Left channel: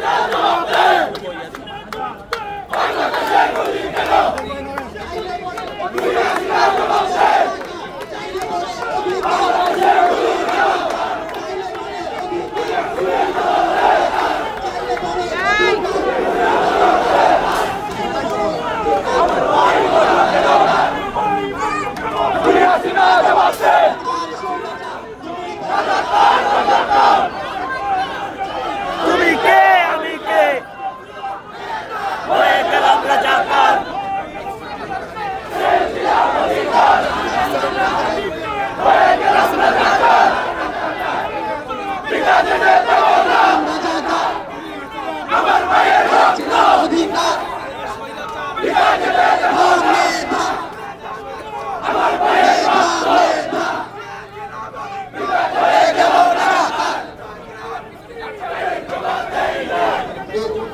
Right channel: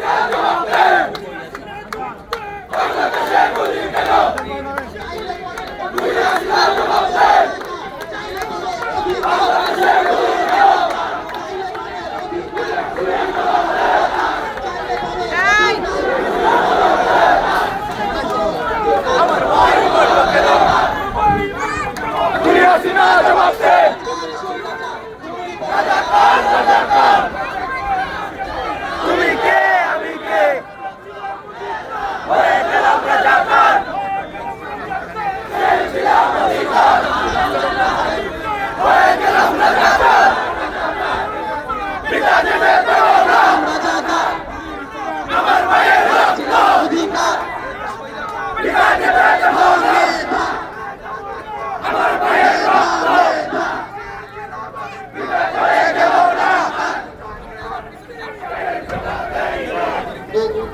Não, não, não.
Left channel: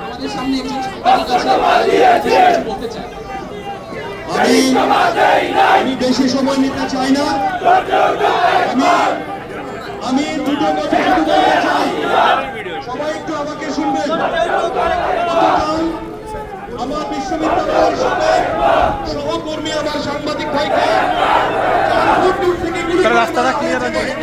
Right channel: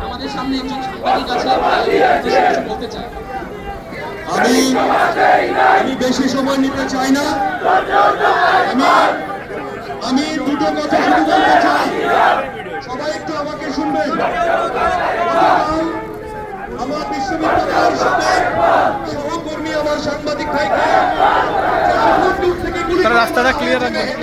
আমাদের সামনে একজন সাংবাদিক বলতে চাই। আমি আমি বেশি সময় নিতে চাই না। আমি দুটো কথা তারা রাস্তাটা ক্লিয়ার রাখবে আগে